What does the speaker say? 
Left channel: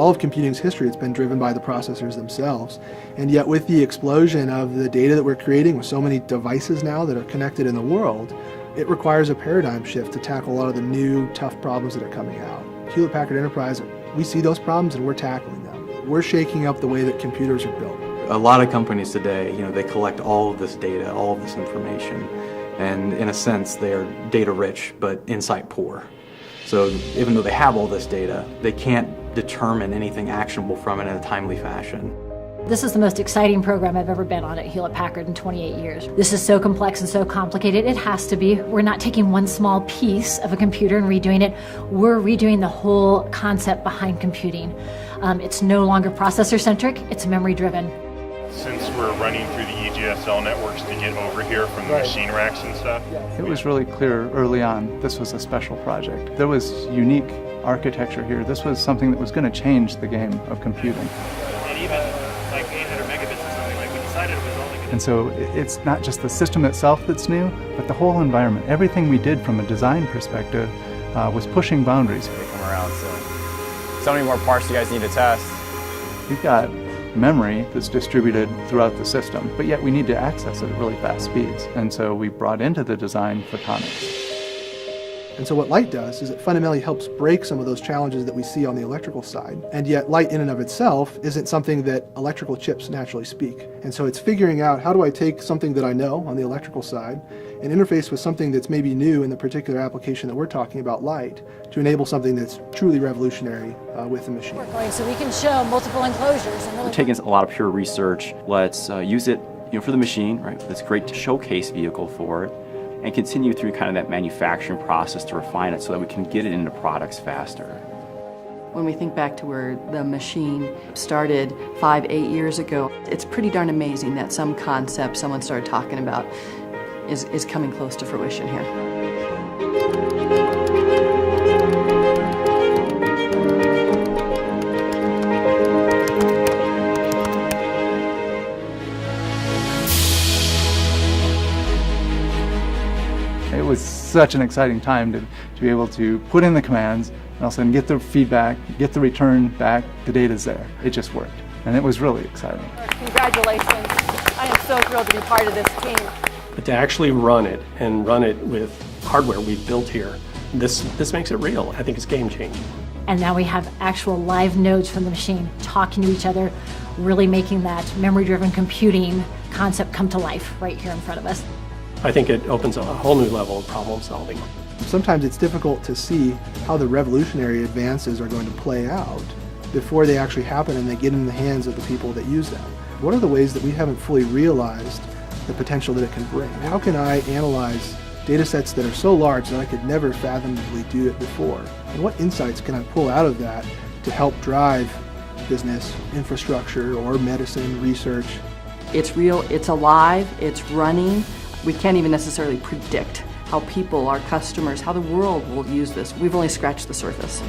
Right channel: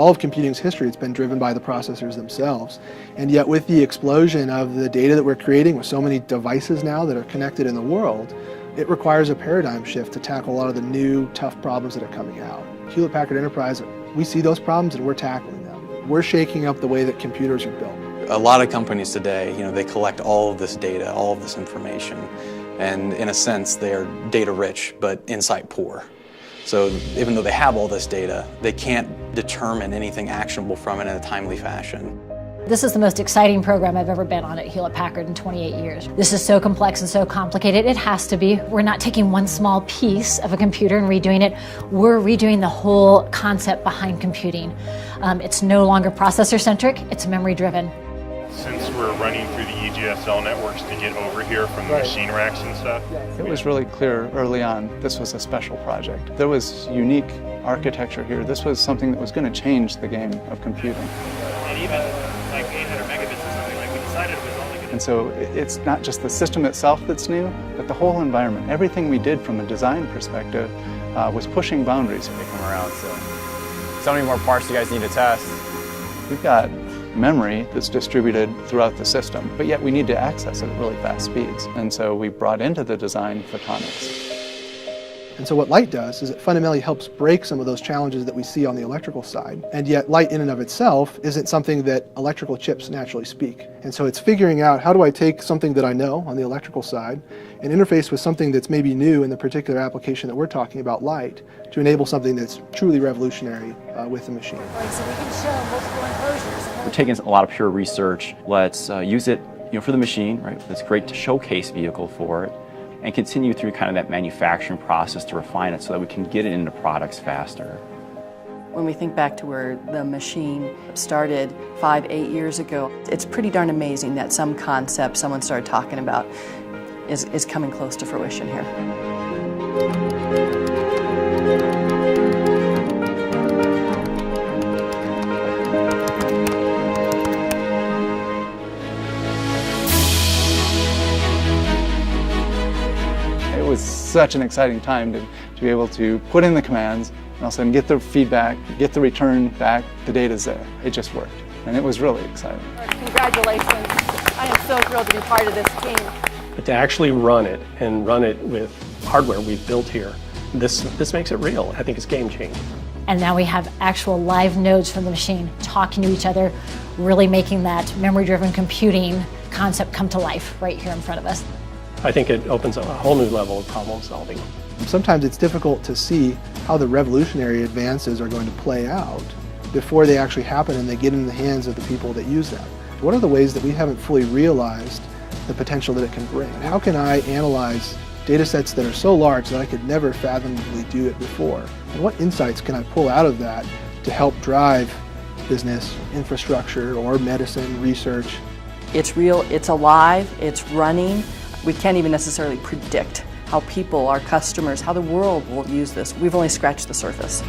all of computing's history, it's been driven by the processors themselves. And yet with the explosion of the data that we're creating with so many devices now that are connected in the world, it requires a paradigm shift to tackle a lot of the new, tough problems that are coming out. Hewlett Packard Enterprise, we see those problems and we're tackling them. We're shaking up the way that computers are built. A lot of companies today, they collect all of this data, all of this information, and in a sense, they're data rich, but insight poor. So even though they have all this data, they can't determine anything actionable from it in a timely fashion. This is the most exciting program I've ever been on at Hewlett Packard in 28 years. This is so complex and so complicated. It has to be. We're not taking one small piece of a computer and redoing it. We're redoing the whole concept behind computing. It's no longer processor-centric, it's memory-driven. Since we're running through the EGSL networks to get over here from the machine racks and stuff. It was really clear early on this was a special project. There was unique architecture here. This was something that was going to change the game of computing. And even like 800 megabits or something, like we decided it was only going to... And so it's not just the system itself that's new, but the whole environment. Everything we did from a design perspective was pushing boundaries. They come around, so many more parts you guys need to test. We've got memory that's distributed throughout the system, but yet we need to access it at really fast speeds. And so we brought into the design photonics. And so what light does is it fundamentally helps break some of those challenges that we see on the electrical side. And yet light in and of itself isn't something that electrical chips naturally speak. And so it's figuring out, how do I take something that I know on the electrical side and interface with something that's maybe new in the particular application that we're talking about, light, to enable something that's truly revolutionary with the machine. So we can show multiple enclosures. We're taking a lot of pure research. Let's use it for the machine, right? It's great to showcase vehicle for it, and continue through kind of that manufacturing process to refine it so that we can get it into products faster. When we think back to where the machine started 5-8 years ago, it's pretty darn amazing that some concept someone started talking about is coming close to fruition here. It was such an exciting time to be able to put in the commands and all of a sudden get the feedback, get the return back, the data's there. It just worked. And it was really exciting. Congratulations. I am so thrilled to be part of this team. But to actually run it and run it with hardware we've built here, this makes it real. I think it's game changing. And now we have actual live nodes from the machine talking to each other, really making that memory-driven computing concept come to life right here in front of us. I think it opens a whole new level of problem solving. Sometimes it's difficult to see how the revolutionary advances are going to play out before they actually happen and they get in the hands of the people that use them. What are the ways that we haven't fully realized the potential that it can bring? How can I analyze data sets that are so large that I could never fathomably do it before? And what insights can I pull out of that to help drive business, infrastructure, or medicine, research? It's real, it's alive, it's running. We can't even necessarily predict how people, our customers, how the world will use this. We've only scratched the surface.